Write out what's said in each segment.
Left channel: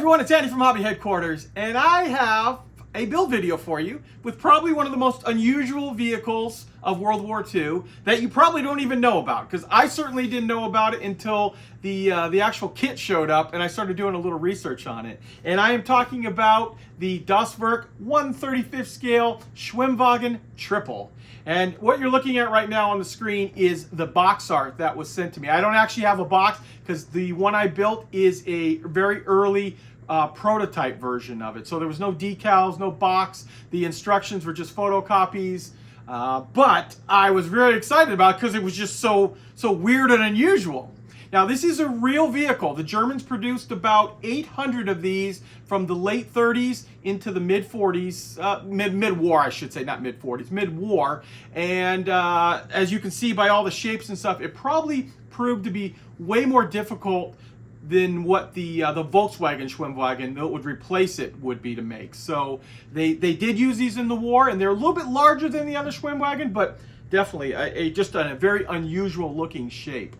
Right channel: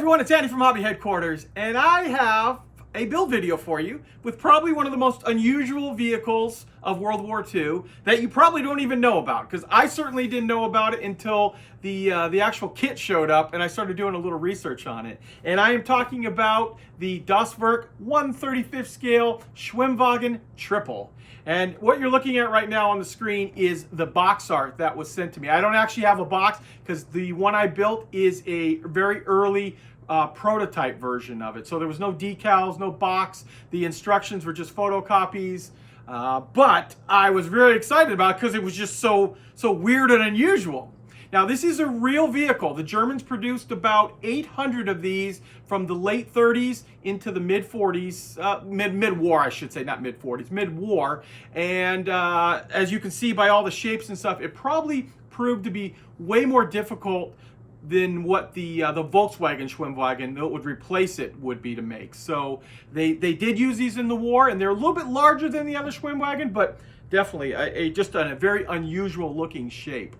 everyone, it's Andy from Hobby Headquarters, and I have a build video for you with probably one of the most unusual vehicles of World War II that you probably don't even know about, because I certainly didn't know about it until the actual kit showed up and I started doing a little research on it. And I am talking about the Das Werk 1/35th scale Schwimmwagen Trippel. And what you're looking at right now on the screen is the box art that was sent to me. I don't actually have a box because the one I built is a very early prototype version of it. So there was no decals, no box. The instructions were just photocopies. But I was very excited about it because it was just so weird and unusual. Now, this is a real vehicle. The Germans produced about 800 of these from the late 30s into the mid-40s, mid-war, I should say, not mid-40s, mid-war. And as you can see by all the shapes and stuff, it probably proved to be way more difficult than what the Volkswagen Schwimmwagen that would replace it would be to make. So they did use these in the war, and they're a little bit larger than the other Schwimmwagen, but definitely just a very unusual looking shape.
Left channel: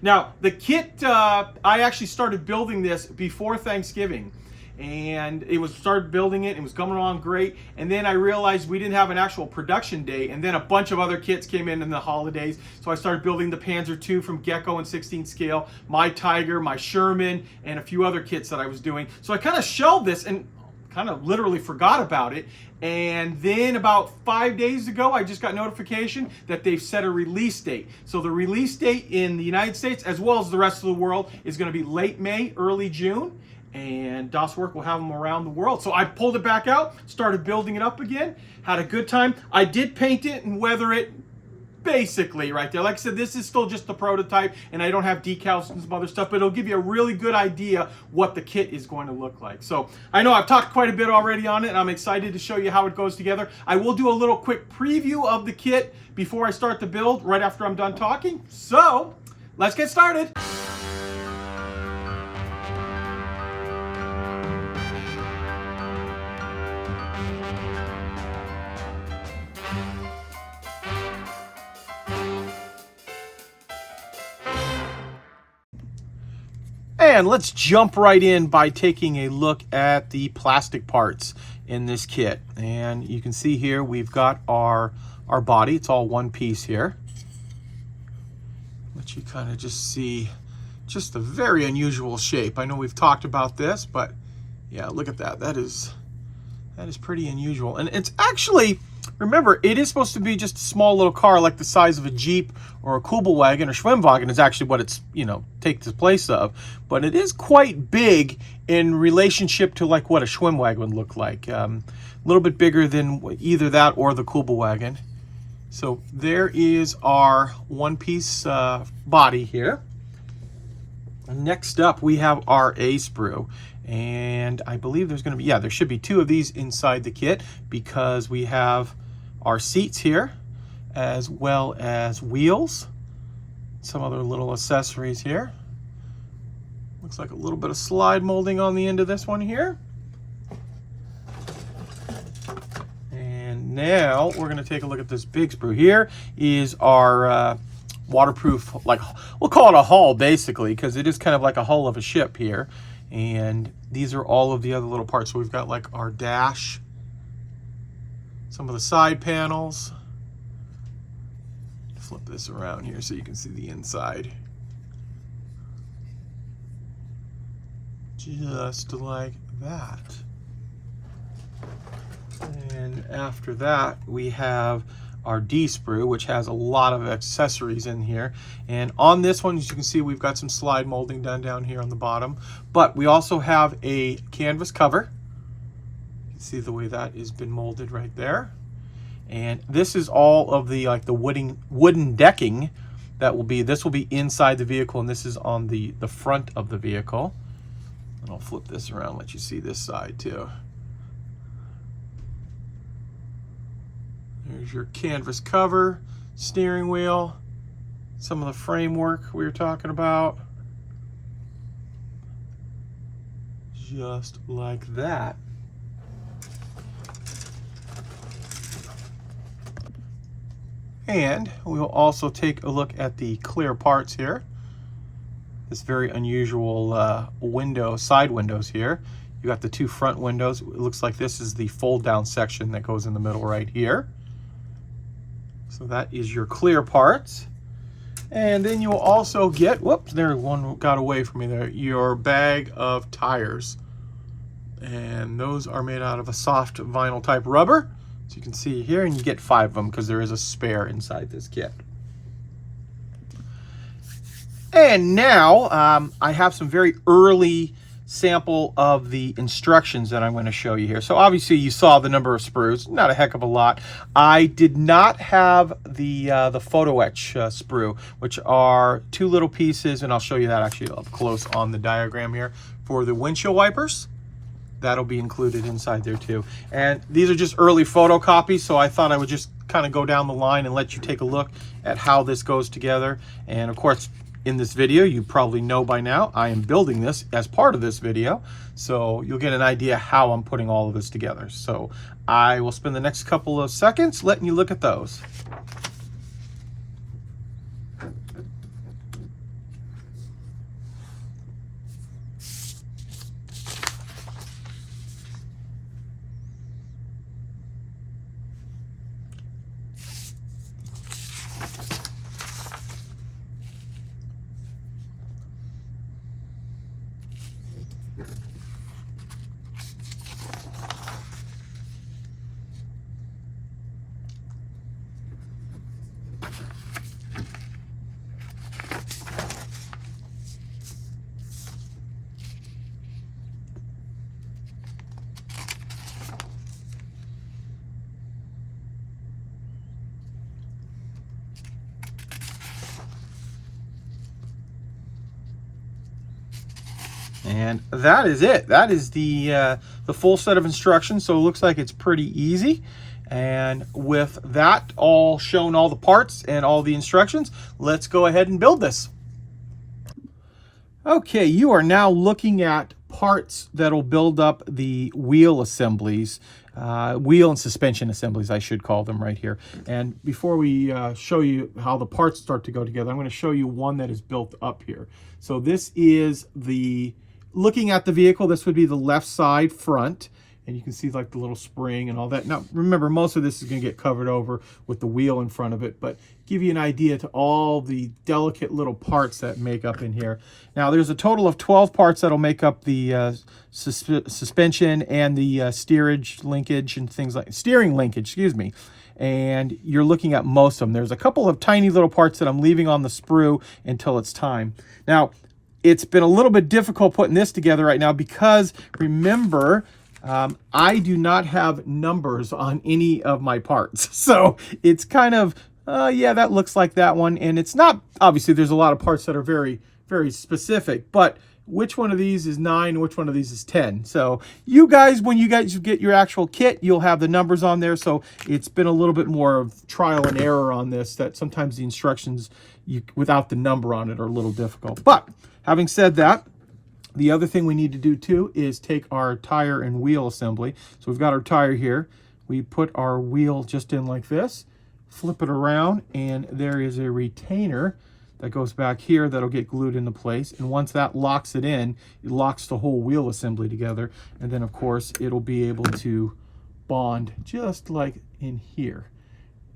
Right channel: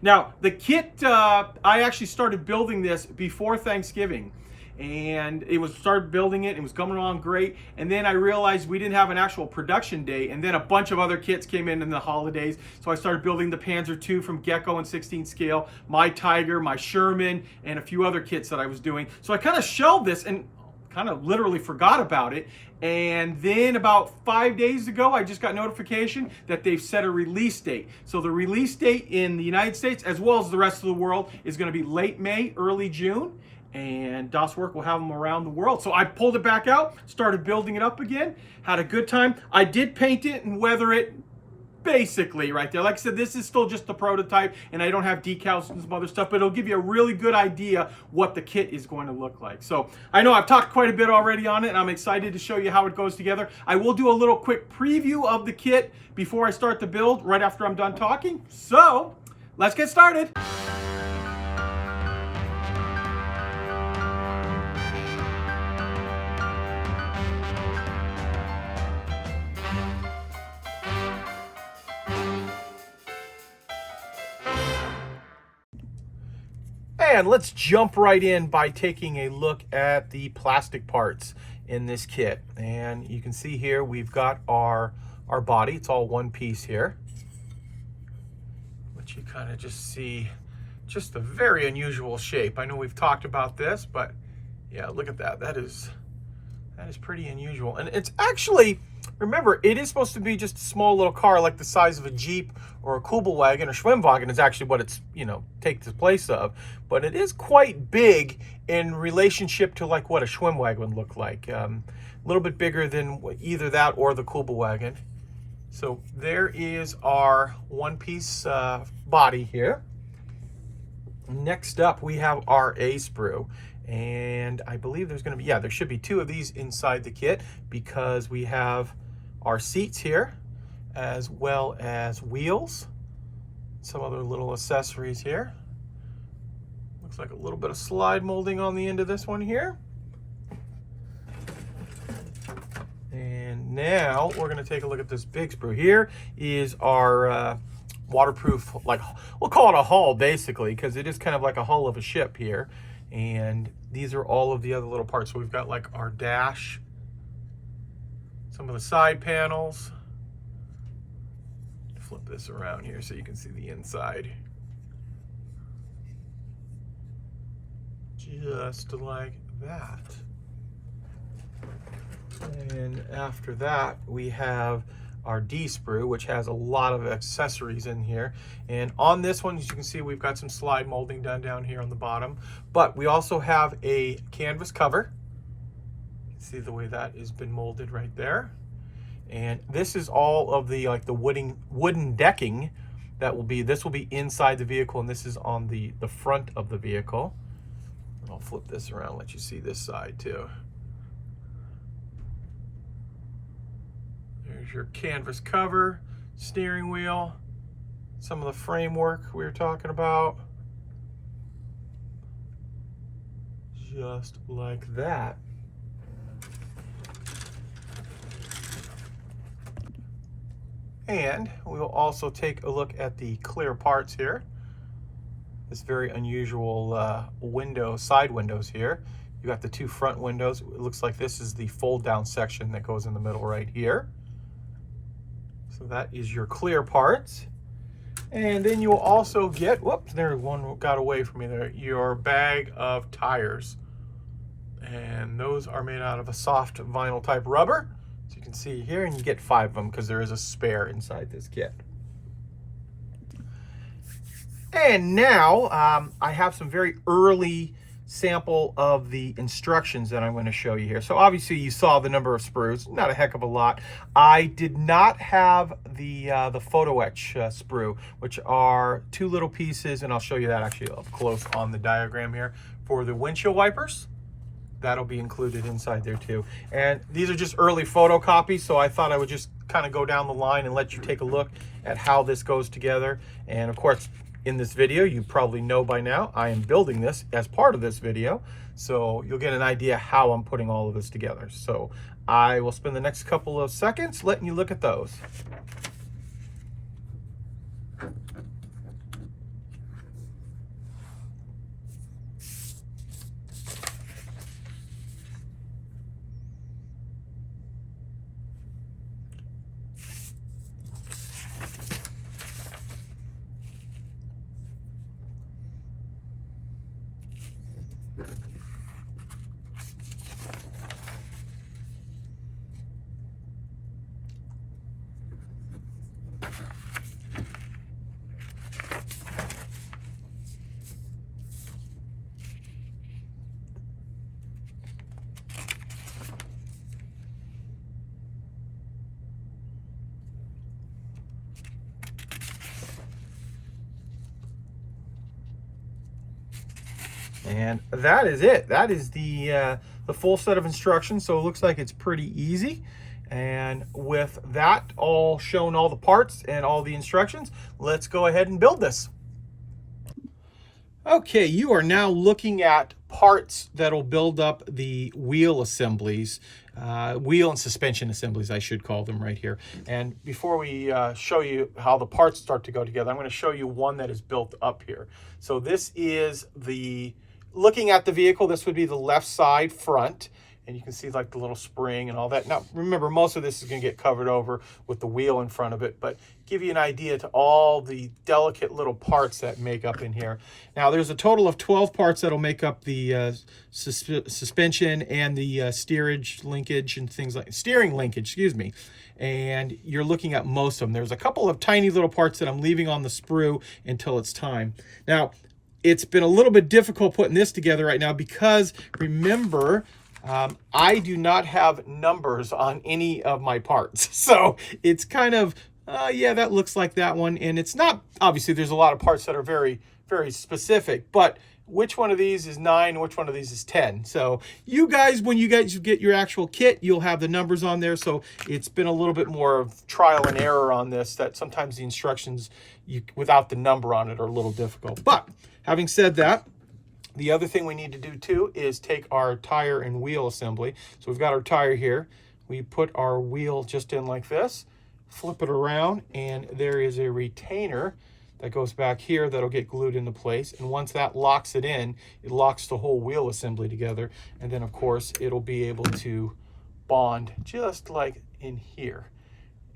Now, the kit, I actually started building this before Thanksgiving, and started building it. It was coming along great, and then I realized we didn't have an actual production day, and then a bunch of other kits came in the holidays, so I started building the Panzer II from Gecko in 16 scale, my Tiger, my Sherman, and a few other kits that I was doing. So I kind of shelved this and kind of literally forgot about it. And then about 5 days ago, I just got notification that they've set a release date. So the release date in the United States, as well as the rest of the world, is going to be late May, early June. And Das Werk will have them around the world. So I pulled it back out, started building it up again, had a good time. I did paint it and weather it basically right there. Like I said, this is still just the prototype, and I don't have decals and some other stuff, but it'll give you a really good idea what the kit is going to look like. So I know I've talked quite a bit already on it, and I'm excited to show you how it goes together. I will do a little quick preview of the kit before I start the build, right after I'm done talking. So let's get started. And let's jump right in by taking a look at the plastic parts in this kit. And you can see here we've got our body. It's all one piece here. But you kind of just see just a very unusual shape. I know we've talked about this, but yeah, look at that. That is pretty unusual. And it's actually, remember, it is supposed to be just a small little car like the size of a Jeep or a Kugelwagen or Schwimmwagen is actually what it's, takes the place of. But it is quite big in relationship to like what a Schwimmwagen would look like. A little bit bigger than either that or the Kugelwagen. So there is our one-piece body here. Next up, we have our A-sprue. And I believe there's going to be, there should be two of these inside the kit, because we have our seats here as well as wheels, some other little accessories here. Looks like a little bit of slide molding on the end of this one here. And now we're going to take a look at this big sprue. Here is our waterproof, like we'll call it a hull basically, because it is kind of like a hull of a ship here. And these are all of the other little parts. So we've got like our dash, some of the side panels. Flip this around here so you can see the inside. Just like that. And after that, we have our D sprue, which has a lot of accessories in here. And on this one, as you can see, we've got some slide molding done down here on the bottom. But we also have a canvas cover. You can see the way that has been molded right there. And this is all of the the wooden decking that will be, this will be inside the vehicle, and this is on the front of the vehicle. And I'll flip this around, let you see this side too. There's your canvas cover, steering wheel, some of the framework we were talking about. Just like that. And we will also take a look at the clear parts here. this very unusual side windows here. You got the two front windows. It looks like this is the fold down section that goes in the middle right here. So that is your clear parts. And then you'll also get, whoops, there one got away from me there, your bag of tires. And those are made out of a soft vinyl type rubber. So you can see here, and you get 5 of them because there is a spare inside this kit. And now I have some very early sample of the instructions that I'm going to show you here. So obviously you saw the number of sprues, not a heck of a lot. I did not have the photo etch sprue, which are 2 little pieces, and I'll show you that actually up close on the diagram here. For the windshield wipers, that'll be included inside there too. And these are just early photocopies, so I thought I would just kind of go down the line and let you take a look at how this goes together. And of course, in this video, you probably know by now, I am building this as part of this video, so you'll get an idea how I'm putting all of this together. So I will spend the next couple of seconds letting you look at those. And that is it. That is the full set of instructions. So it looks like it's pretty easy. And with that all shown, all the parts and all the instructions, let's go ahead and build this. Okay, you are now looking at parts that'll build up the wheel assemblies, wheel and suspension assemblies, I should call them right here. And before we show you how the parts start to go together, I'm going to show you one that is built up here. So this is looking at the vehicle, this would be the left side front. And you can see like the little spring and all that. Now, remember, most of this is going to get covered over with the wheel in front of it, but give you an idea to all the delicate little parts that make up in here. Now, there's a total of 12 parts that'll make up the suspension and the steering linkage, excuse me. And you're looking at most of them. There's a couple of tiny little parts that I'm leaving on the sprue until it's time. Now, it's been a little bit difficult putting this together right now because, remember, I do not have numbers on any of my parts. So it's kind of, yeah, that looks like that one. And it's not, obviously there's a lot of parts that are very, very specific, but which one of these is 9, which one of these is 10. So you guys, when you guys get your actual kit, you'll have the numbers on there. So it's been a little bit more of trial and error on this, that sometimes the instructions without the number on it are a little difficult. But having said that, the other thing we need to do too is take our tire and wheel assembly. So we've got our tire here. We put our wheel just in like this, flip it around, and there is a retainer that goes back here that'll get glued into place. And once that locks it in, it locks the whole wheel assembly together. And then of course it'll be able to bond just like in here.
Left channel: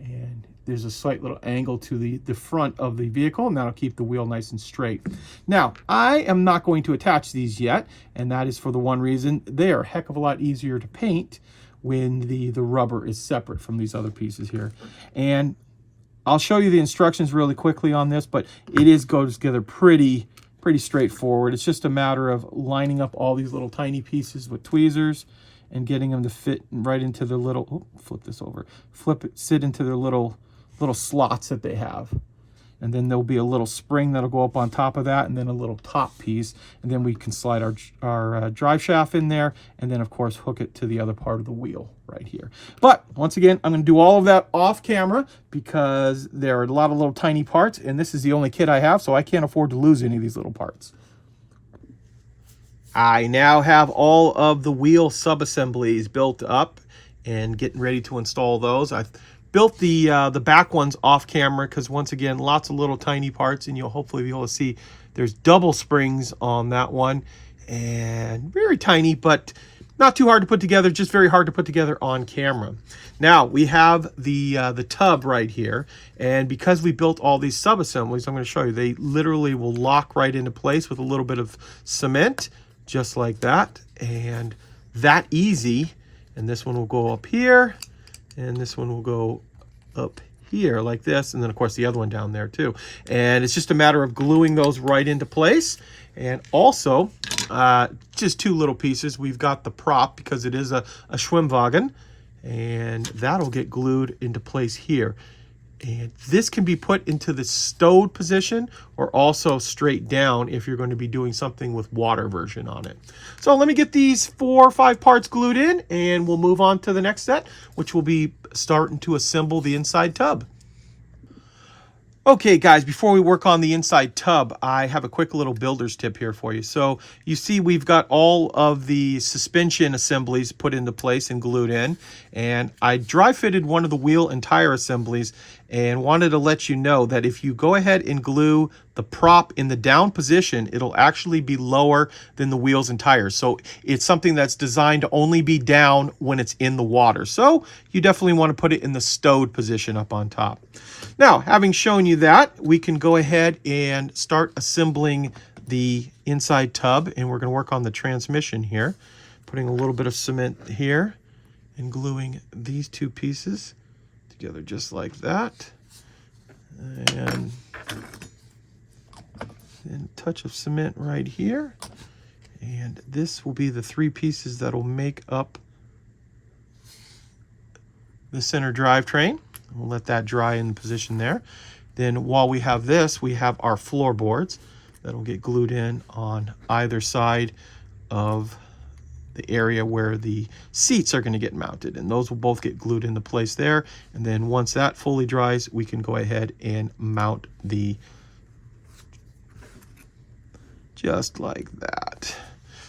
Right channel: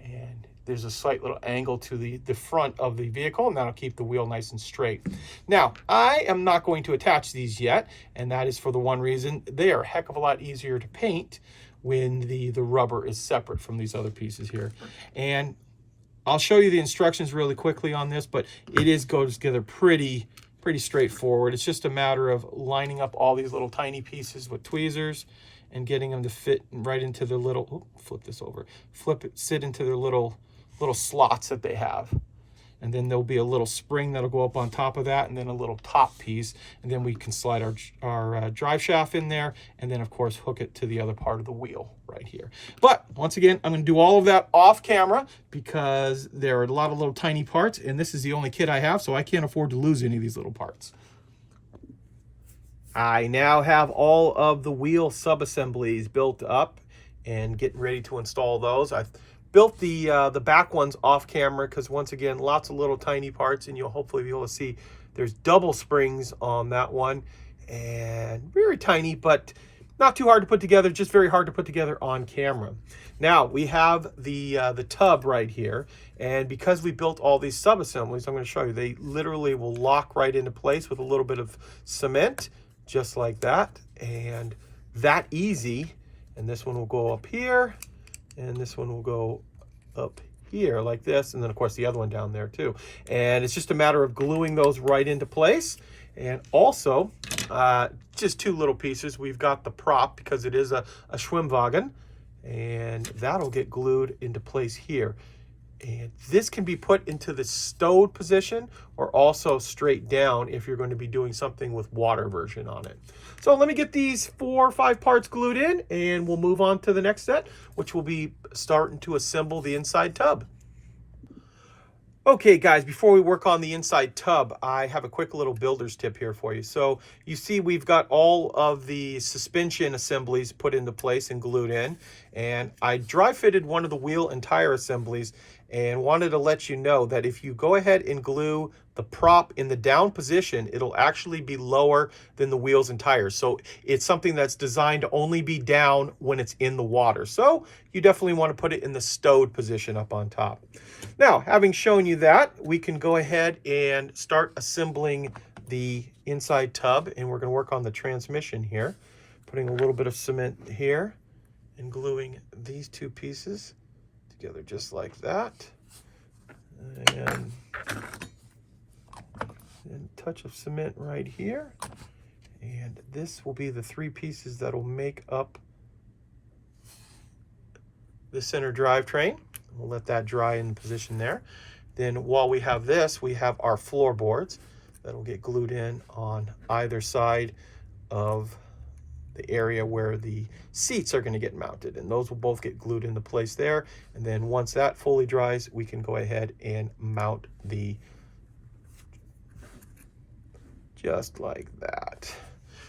And there's a slight little angle to the front of the vehicle, and that'll keep the wheel nice and straight. Now, I am not going to attach these yet, and that is for the one reason they are a heck of a lot easier to paint when the rubber is separate from these other pieces here. And I'll show you the instructions really quickly on this, but it goes together pretty straightforward. It's just a matter of lining up all these little tiny pieces with tweezers and getting them to fit right into the little, flip this over, sit into their little slots that they have. And then there'll be a little spring that'll go up on top of that, and then a little top piece, and then we can slide our drive shaft in there, and then of course hook it to the other part of the wheel right here. But once again, I'm going to do all of that off camera because there are a lot of little tiny parts, and this is the only kit I have, so I can't afford to lose any of these little parts. I now have all of the wheel sub-assemblies built up and getting ready to install those. I've built the back ones off camera because, once again, lots of little tiny parts, and you'll hopefully be able to see There's double springs on that one, and very tiny, but not too hard to put together, just very hard to put together on camera. Now we have the tub right here, and because we built all these sub-assemblies, I'm going to show you, they literally will lock right into place with a little bit of cement, just like that, and that easy. And this one will go up here, and this one will go up here like this, and then of course the other one down there too. And it's just a matter of gluing those right into place. And also, just two little pieces. We've got the prop, because it is a Schwimmwagen, and that'll get glued into place here. And this can be put into the stowed position or also straight down if you're going to be doing something with water version on it. So let me get these 4 or 5 parts glued in, and we'll move on to the next set, which will be starting to assemble the inside tub. Okay guys, before we work on the inside tub, I have a quick little builder's tip here for you. So you see we've got all of the suspension assemblies put into place and glued in, and I dry fitted one of the wheel and tire assemblies and wanted to let you know that if you go ahead and glue the prop in the down position, it'll actually be lower than the wheels and tires. So it's something that's designed to only be down when it's in the water. So you definitely want to put it in the stowed position up on top. Now, having shown you that, we can go ahead and start assembling the inside tub, and we're going to work on the transmission here. Putting a little bit of cement here and gluing these two pieces together just like that. And a touch of cement right here. And this will be the 3 pieces that will make up the center drivetrain. We'll let that dry in position there. Then while we have this, we have our floorboards that'll get glued in on either side of the area where the seats are going to get mounted, and those will both get glued into place there. And then once that fully dries, we can go ahead and mount the, just like that.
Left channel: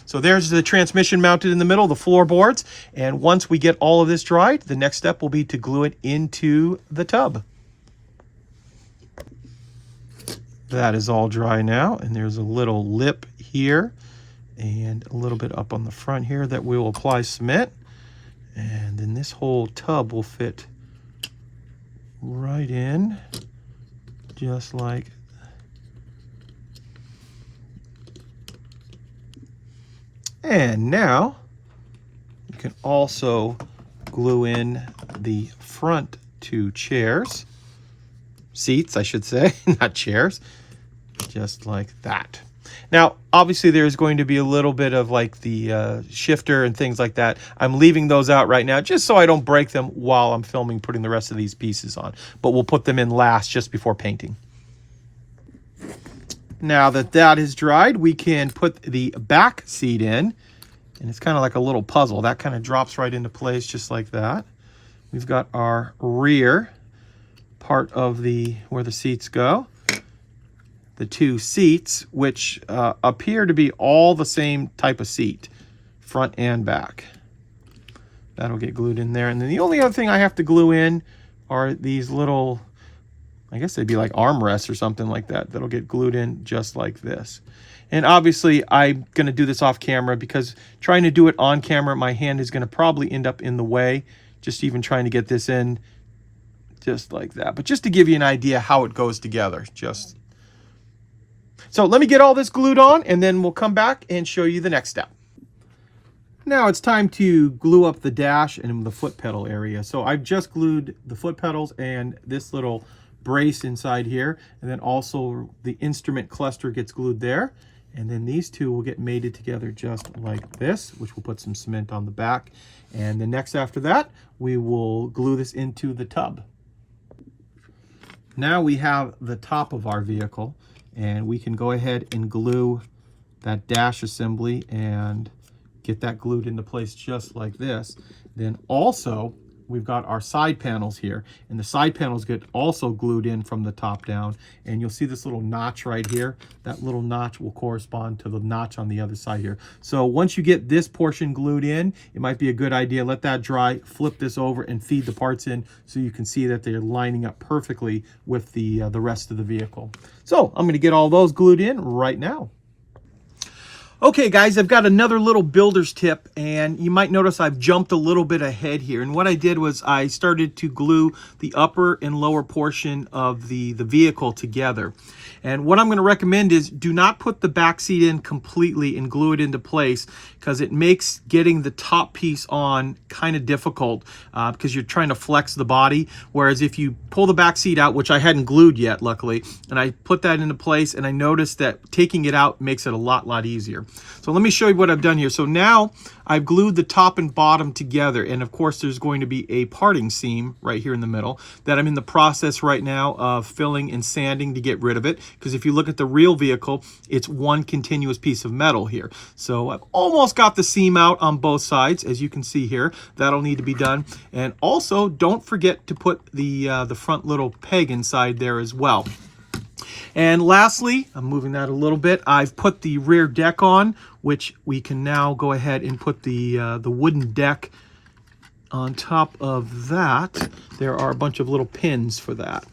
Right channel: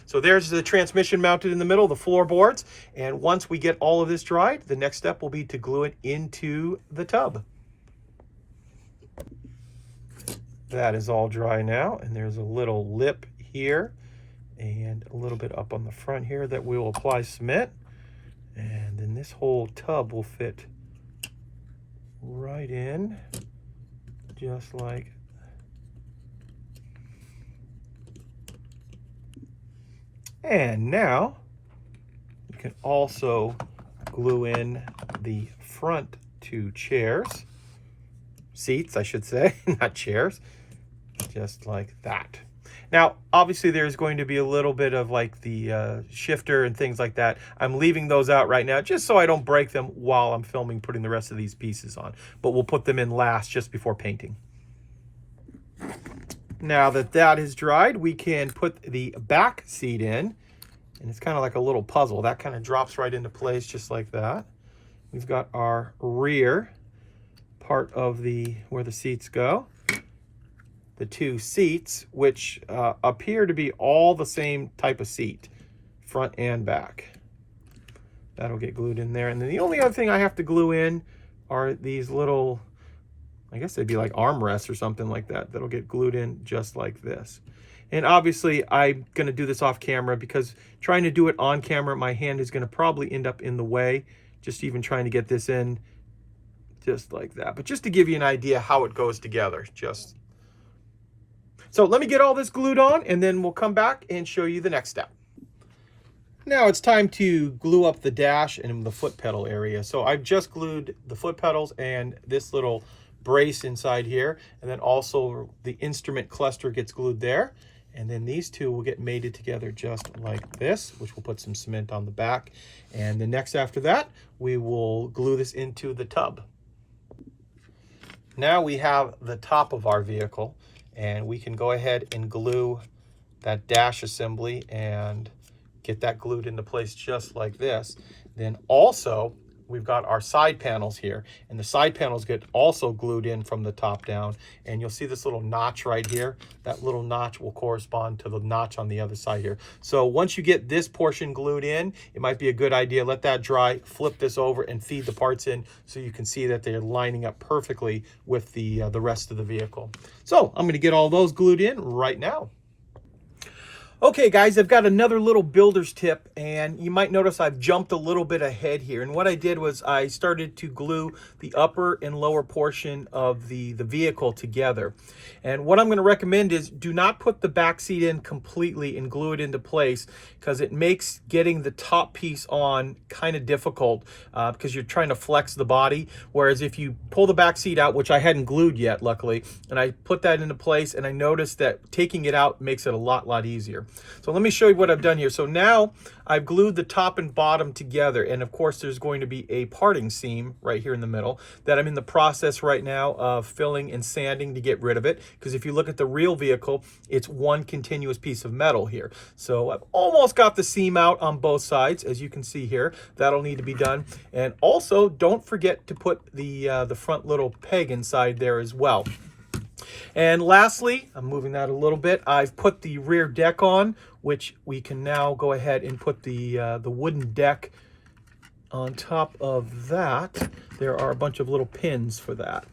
So there's the transmission mounted in the middle, the floorboards, and once we get all of this dried, the next step will be to glue it into the tub. That is all dry now, and there's a little lip here and a little bit up on the front here that we will apply cement, and then this whole tub will fit right in, just like that. And now you can also glue in the front 2 chairs, seats I should say, not chairs, just like that. Now obviously there's going to be a little bit of like the shifter and things like that. I'm leaving those out right now just so I don't break them while I'm filming putting the rest of these pieces on, but we'll put them in last just before painting. Now that that is dried, we can put the back seat in, and it's kind of like a little puzzle. That kind of drops right into place just like that. We've got our rear part of the where the seats go. The 2 seats, which appear to be all the same type of seat, front and back. That'll get glued in there. And then the only other thing I have to glue in are these little, I guess they'd be like armrests or something like that, that'll get glued in just like this. And obviously I'm going to do this off camera, because trying to do it on camera, my hand is going to probably end up in the way, just even trying to get this in just like that. But just to give you an idea how it goes together. So let me get all this glued on, and then we'll come back and show you the next step. Now it's time to glue up the dash and the foot pedal area. So I've just glued the foot pedals and this little brace inside here, and then also the instrument cluster gets glued there, and then these 2 will get mated together just like this, which will put some cement on the back. And then next after that, we will glue this into the tub. Now we have the top of our vehicle, and we can go ahead and glue that dash assembly and get that glued into place just like this. Then also we've got our side panels here, and the side panels get also glued in from the top down, and you'll see this little notch right here. That little notch will correspond to the notch on the other side here. So once you get this portion glued in, it might be a good idea, let that dry, flip this over and feed the parts in so you can see that they're lining up perfectly with the rest of the vehicle. So I'm going to get all those glued in right now. Okay guys, I've got another little builder's tip, and you might notice I've jumped a little bit ahead here. And what I did was I started to glue the upper and lower portion of the vehicle together. And what I'm going to recommend is do not put the back seat in completely and glue it into place, because it makes getting the top piece on kind of difficult because you're trying to flex the body. Whereas if you pull the back seat out, which I hadn't glued yet luckily, and I put that into place, and I noticed that taking it out makes it a lot easier. So let me show you what I've done here. So now I've glued the top and bottom together, and of course there's going to be a parting seam right here in the middle that I'm in the process right now of filling and sanding to get rid of it, because if you look at the real vehicle, it's one continuous piece of metal here. So I've almost got the seam out on both sides, as you can see here. That'll need to be done. And also don't forget to put the front little peg inside there as well. And lastly, I'm moving that a little bit, I've put the rear deck on, which we can now go ahead and put the wooden deck on top of that. There are a bunch of little pins for that.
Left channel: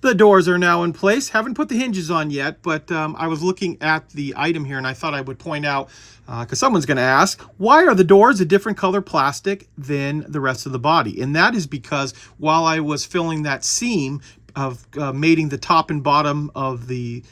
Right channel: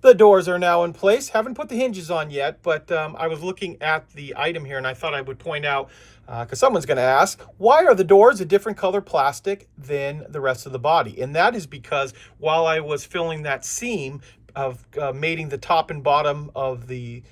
The doors are now in place. Haven't put the hinges on yet, but I was looking at the item here and I thought I would point out, because someone's going to ask, why are the doors a different color plastic than the rest of the body? And that is because while I was filling that seam of mating the top and bottom of the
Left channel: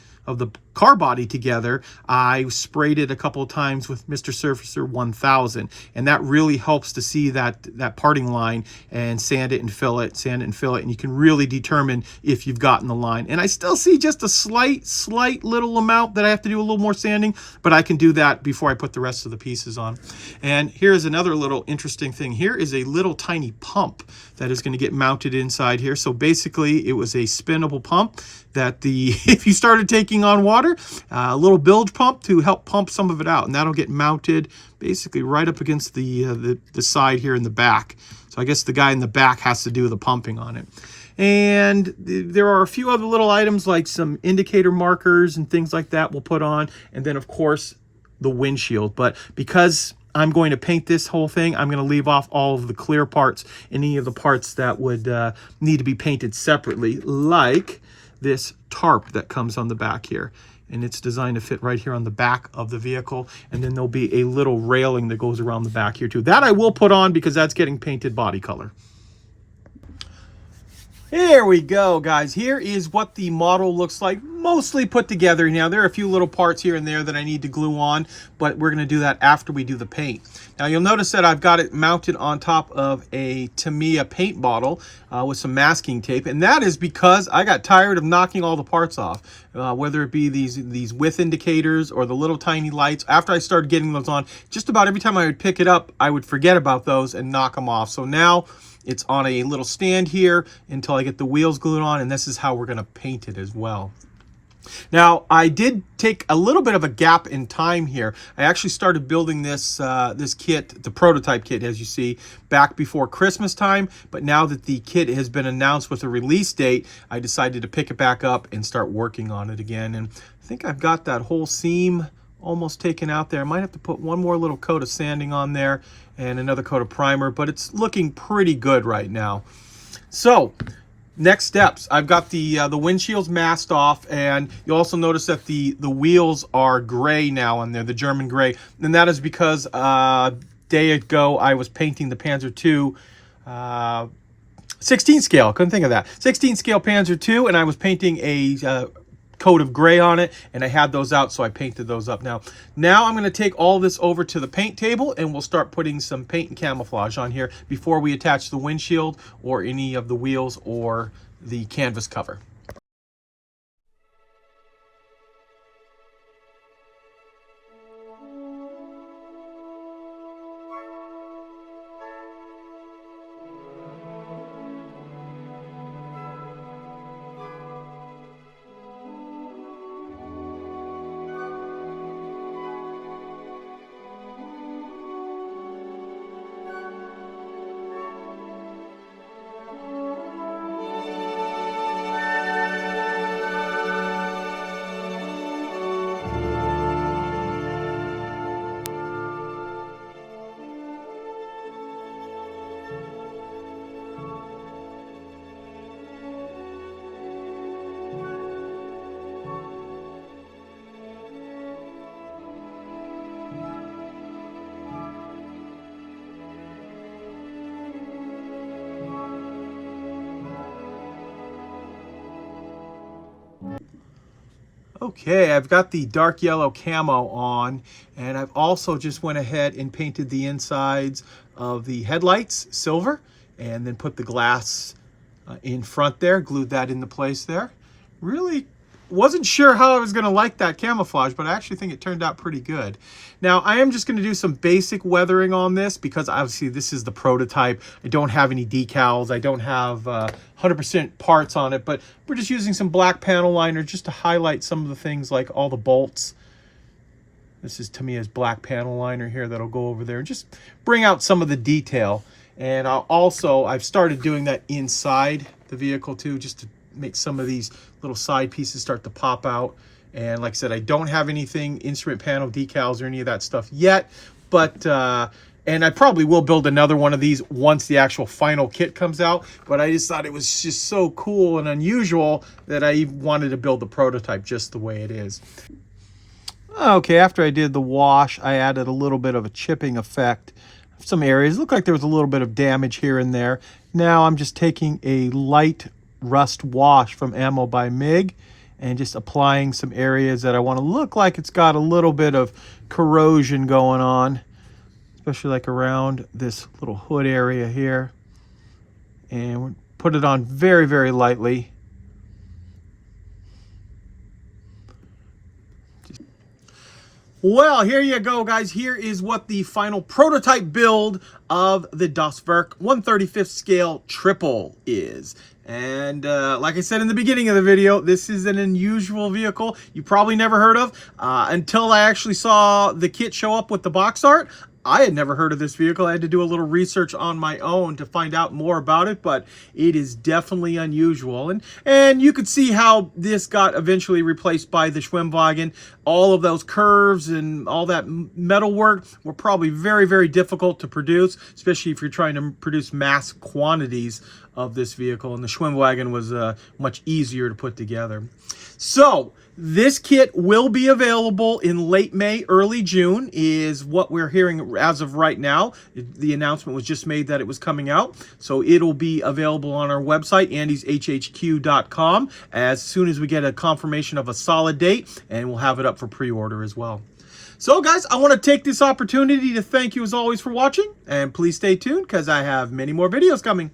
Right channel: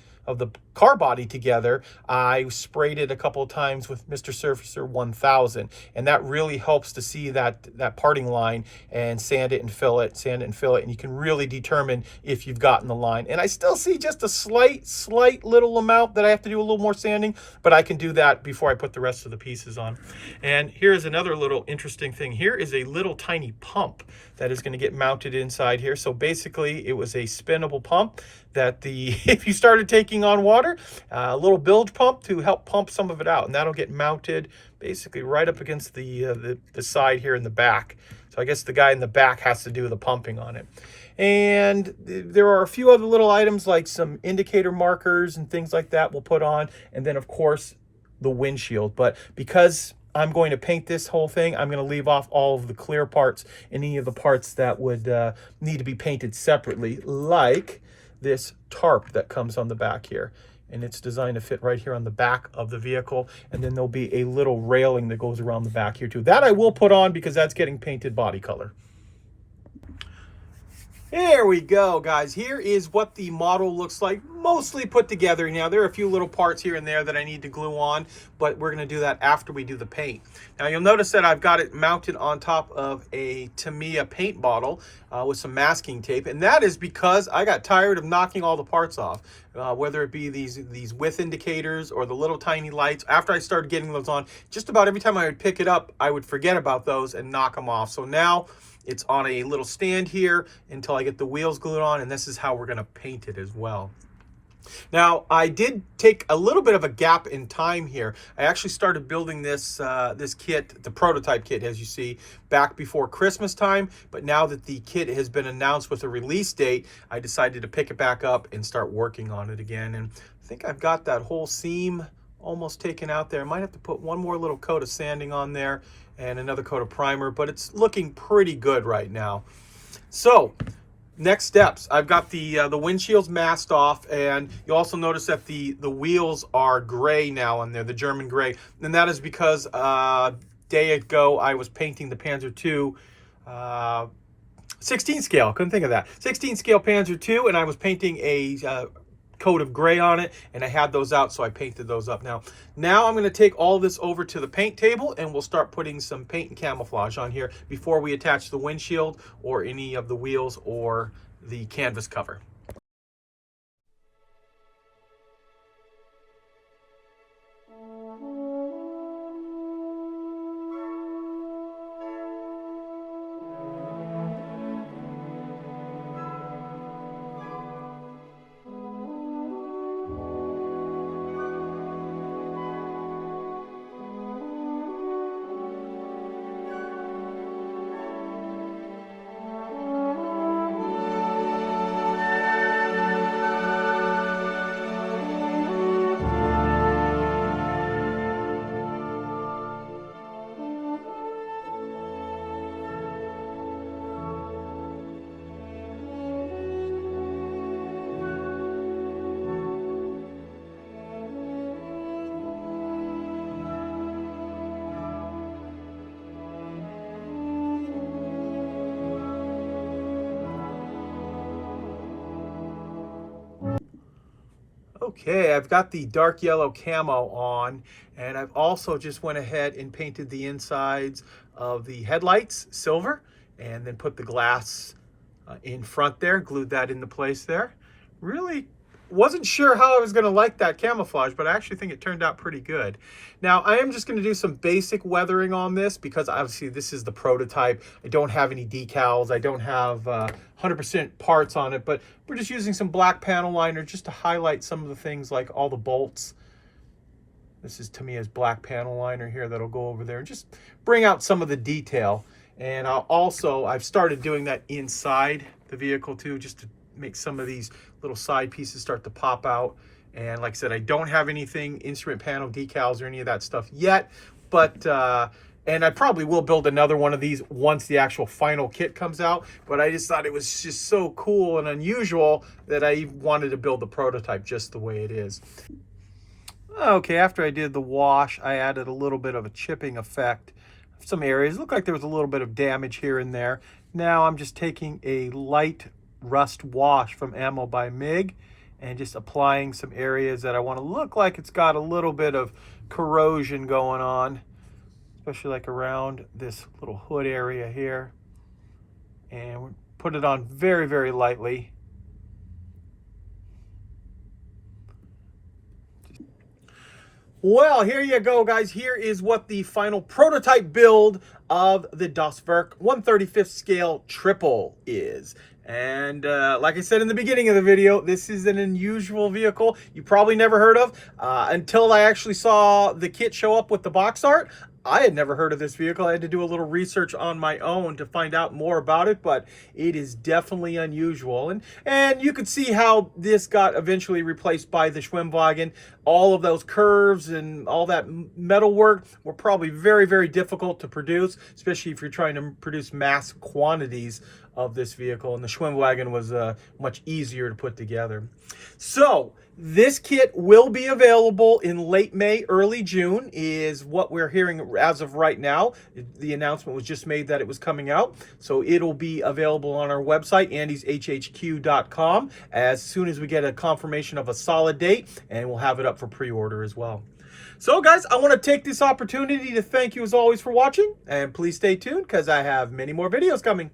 car body together, I sprayed it a couple of times with Mr. Surfacer 1000, and that really helps to see that parting line and sand it and fill it, and you can really determine if you've gotten the line. And I still see just a slight little amount that I have to do a little more sanding, but I can do that before I put the rest of the pieces on. And here's another little interesting thing. Here is a little tiny pump that is going to get mounted inside here. So basically it was a spinnable pump that if you started taking on water, a little bilge pump to help pump some of it out, and that'll get mounted basically right up against the side here in the back. So I guess the guy in the back has to do the pumping on it. And there are a few other little items like some indicator markers and things like that we'll put on, and then of course the windshield. But because I'm going to paint this whole thing, I'm going to leave off all of the clear parts, any of the parts that would need to be painted separately, like this tarp that comes on the back here, and it's designed to fit right here on the back of the vehicle. And then there'll be a little railing that goes around the back here too. That I will put on because that's getting painted body color. Here we go, guys. Here is what the model looks like, mostly put together. Now, there are a few little parts here and there that I need to glue on, but we're going to do that after we do the paint. Now, you'll notice that I've got it mounted on top of a Tamiya paint bottle with some masking tape, and that is because I got tired of knocking all the parts off, whether it be these width indicators or the little tiny lights. After I started getting those on, just about every time I would pick it up, I would forget about those and knock them off. So now it's on a little stand here until I get the wheels glued on, and this is how we're going to paint it as well. Now, I did take a little bit of a gap in time here. I actually started building this kit, the prototype kit, as you see, back before Christmas time. But now that the kit has been announced with a release date, I decided to pick it back up and start working on it again. And I think I've got that whole seam almost taken out there. I might have to put one more little coat of sanding on there and another coat of primer, but it's looking pretty good right now. So next steps, I've got the windshields masked off, and you also notice that the wheels are gray now on there, the German gray, and that is because a day ago I was painting the Panzer II 16 scale, couldn't think of that, 16 scale Panzer II, and I was painting a coat of gray on it, and I had those out, so I painted those up. Now I'm going to take all this over to the paint table, and we'll start putting some paint and camouflage on here before we attach the windshield or any of the wheels or the canvas cover. Okay, I've got the dark yellow camo on, and I've also just went ahead and painted the insides of the headlights silver, and then put the glass in front there, glued that into place there. Really wasn't sure how I was going to like that camouflage, but I actually think it turned out pretty good. Now, I am just going to do some basic weathering on this because obviously this is the prototype. I don't have any decals. I don't have 100% parts on it, but we're just using some black panel liner just to highlight some of the things like all the bolts. This is Tamiya's black panel liner here that'll go over there and just bring out some of the detail. And I've started doing that inside the vehicle too, just to make some of these little side pieces start to pop out. And like I said, I don't have anything instrument panel decals or any of that stuff yet, but and I probably will build another one of these once the actual final kit comes out. But I just thought it was just so cool and unusual that I wanted to build the prototype just the way it is. Okay, after I did the wash, I added a little bit of a chipping effect. Some areas looked like there was a little bit of damage here and there. Now I'm just taking a light rust wash from Ammo by MIG and just applying some areas that I want to look like it's got a little bit of corrosion going on, especially like around this little hood area here. And put it on very, very lightly. Well, here you go, guys. Here is what the final prototype build of the Das Werk 1/35th scale Trippel is. And like I said in the beginning of the video, this is an unusual vehicle you probably never heard of. Until I actually saw the kit show up with the box art, I had never heard of this vehicle. I had to do a little research on my own to find out more about it, but it is definitely unusual. And you could see how this got eventually replaced by the Schwimmwagen. All of those curves and all that metal work were probably very, very difficult to produce, especially if you're trying to produce mass quantities of this vehicle. And the Schwimmwagen was much easier to put together. So this kit will be available in late May, early June is what we're hearing as of right now. The announcement was just made that it was coming out. So it'll be available on our website, andyshhq.com, as soon as we get a confirmation of a solid date, and we'll have it up for pre-order as well. So guys, I want to take this opportunity to thank you as always for watching, and please stay tuned because I have many more videos coming.